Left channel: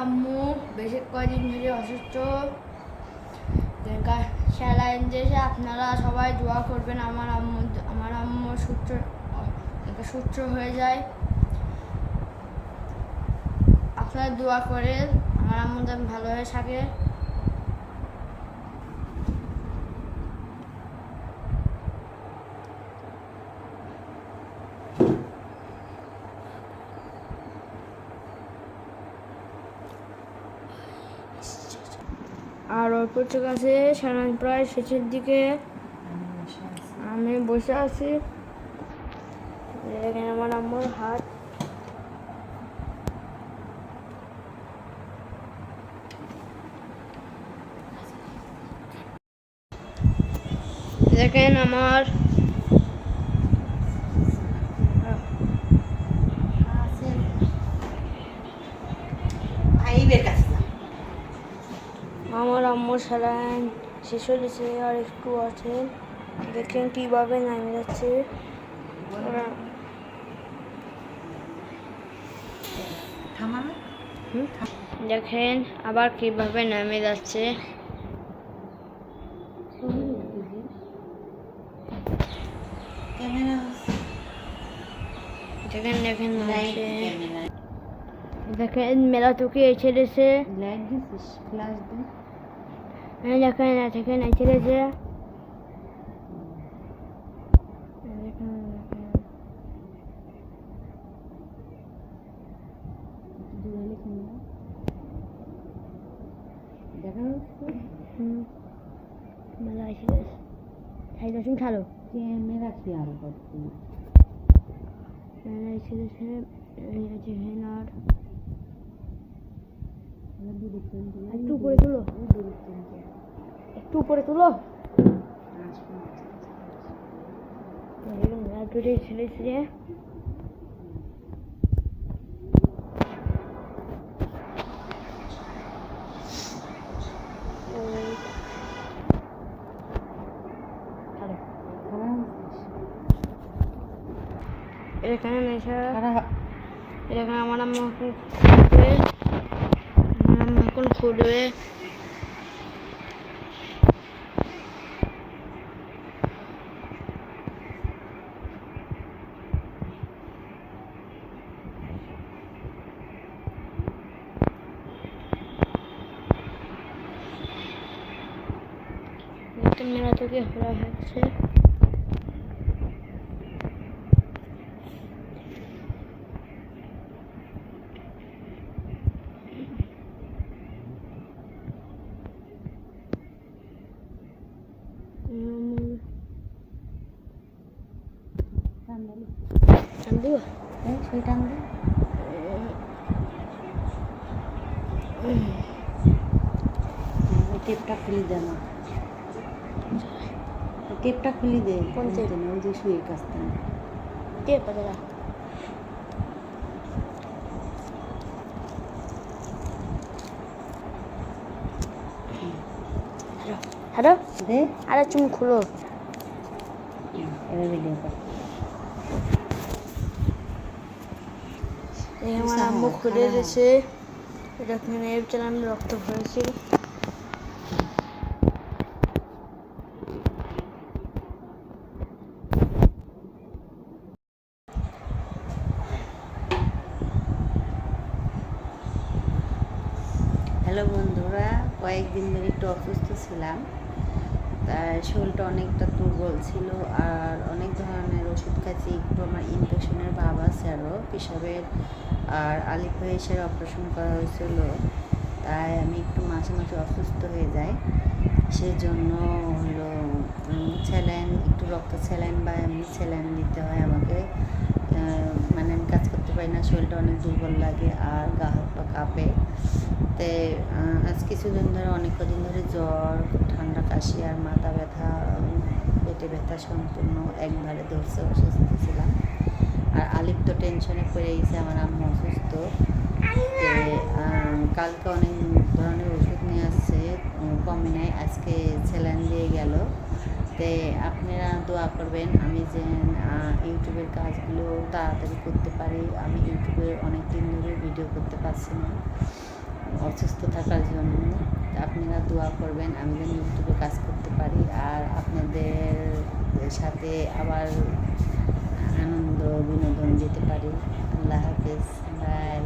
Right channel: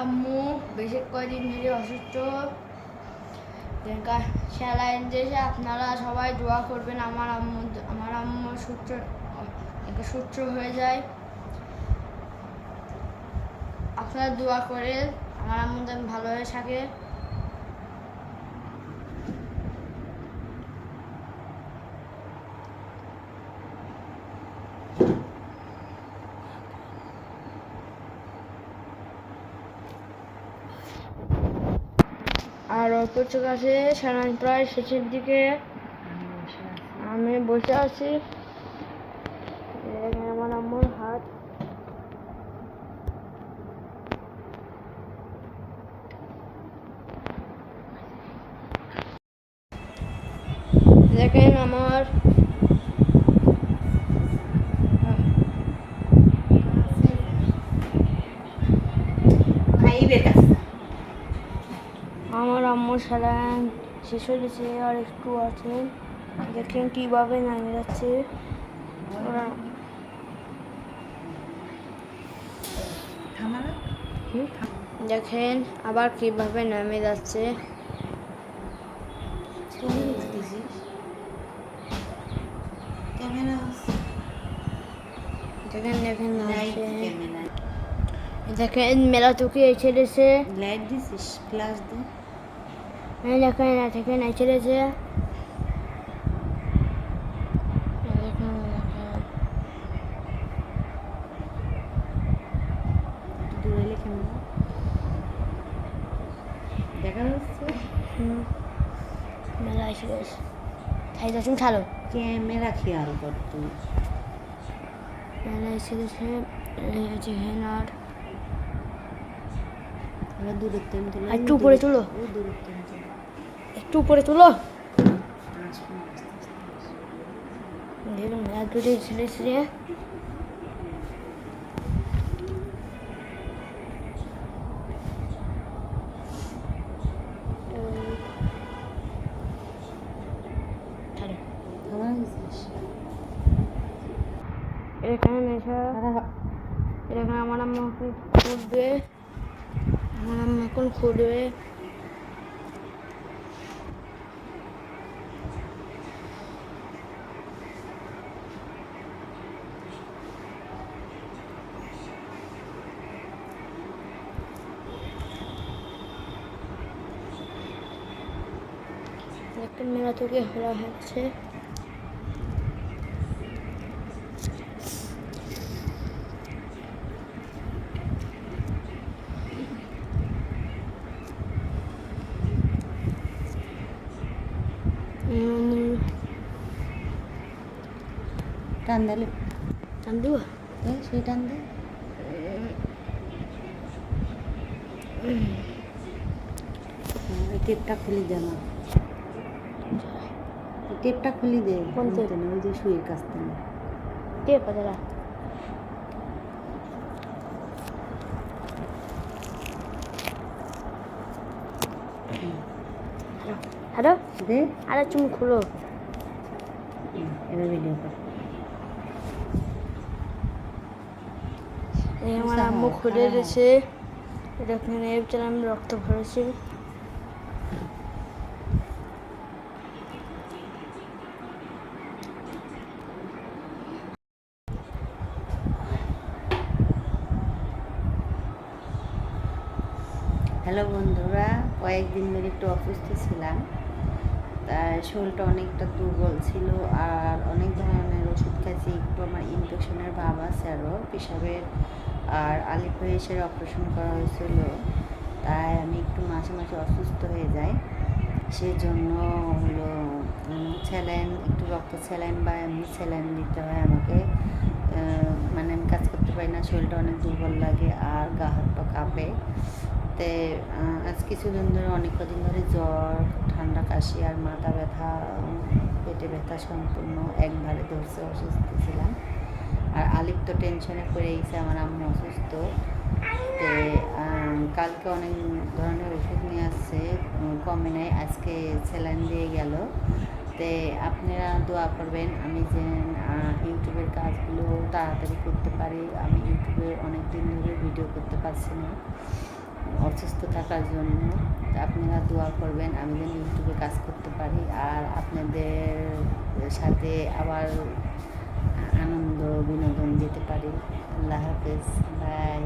আম্মু বেশি কদিন ধরে অসুস্থ। স্যালাইন দিয়েছে, আপনারা সবাই দোয়া করবেন আমার আম্মু সুস্থ হয়ে যায়। আপনারা দোয়া করে আমার আম্মু যেন ভালো হয়ে থাকে। আর অল্প কাছে স্যালাইন প্রায় শেষের দিকে আমি বসে আছি। দেখেন আমার আম্মুর হাত। দেখেন আমার আম্মুর স্যালাইন শেষ হয়ে গেছে, আর একটু আছে। দেখেন কিভাবে নামে যাচ্ছে। দেখেন আবার কিভাবে নামে যাচ্ছে। দেখেন দেখেন দেখেন মেলা তোকে ছেড়েছে। দেখেন দেখেন ছেড়েছে। দেখা যাচ্ছে মেলা এসে গেছে। খাই যাচ্ছি খালো ক্যামেরা খেয়াল করতো মেলা এসে গেছে। আর দূরের তেল তুলো, একটু উপরে তুলো, দূরের তেল তুলো, একটু উপরে তুলো। দেখুন মেলা দূরে ছেড়েছে। এখানে আমার আম্মা এখন খুলবে। মেলা থেকে খোলা হচ্ছে। টান দিলে টান দিব, সেই টান দে। টেপটা খুলে দে, আমার টেপটা খুলে দে। কোন টেপ? ওই যে শুয়ে কাছতে না টেপ দাদা। হ্যালো দে, আরে তুমি খুলো। এবার ভিডিও কর। আমার আম্মু খুলে দিয়েছে। এখানে আমি রক্ত ভরেছি। হ্যালো বন্ধুরা, কয়েকদিন ধরে একটু অসুস্থ ছিলাম। তার শরীরটা অনেকটা দুর্বল ছিল, আর অনেক ধরনের ওষুধ খাচ্ছি। একটু আমার ইনফেকশনের ভাব আছে, আরও পেশাবের আর আলিফাইসের অপারেশন করা হয়েছিল। তাই আমি একটু মাঝে মাঝে অসুস্থ হয়ে যাই। সেজন্য হলো স্যালাইন, একটু রক্ত স্যালাইন বা এমনি স্যালাইন দিতে হয় আমাকে। মানে আমি কাজ করতে পারি না, শরীরটা অনেক দুর্বল লাগে আর গা হাত পা কাঁপে। তে আজ কিছুদিন ধরে, অনেক কদিন ধরে জ্বর, ঠান্ডা, কাশি আর মাথা ব্যথা, পেটে ব্যথা সম্পূর্ণ একবারে ধরছে। অসুস্থ ছিলাম, আর আলিপ তো টেনশনে পড়ে গেছে, আমার আম্মু অসুস্থ। তে কালকে অনেক ধরনের ওষুধ নিয়ে আসছে, কমে নাই। আজকে স্যালাইন দিয়ে গেল। তে আপনারা দোয়া করবেন আমি যেন ইউটিউবের কাজগুলো তাড়াতাড়ি করতে পারি। আমি ইউটিউবে অনেক দিন ধরে ভিডিও করতে পারছি না। অসুস্থ থাকার জন্য। তো আপনারা দোয়া করবেন আমি যেন ইউটিউবে কাজ করতে পারি আর আপনাদের সাথে আবার আনন্দ বিনোদন দিতে পারি। আল্লাহ হাফেজ, বাই।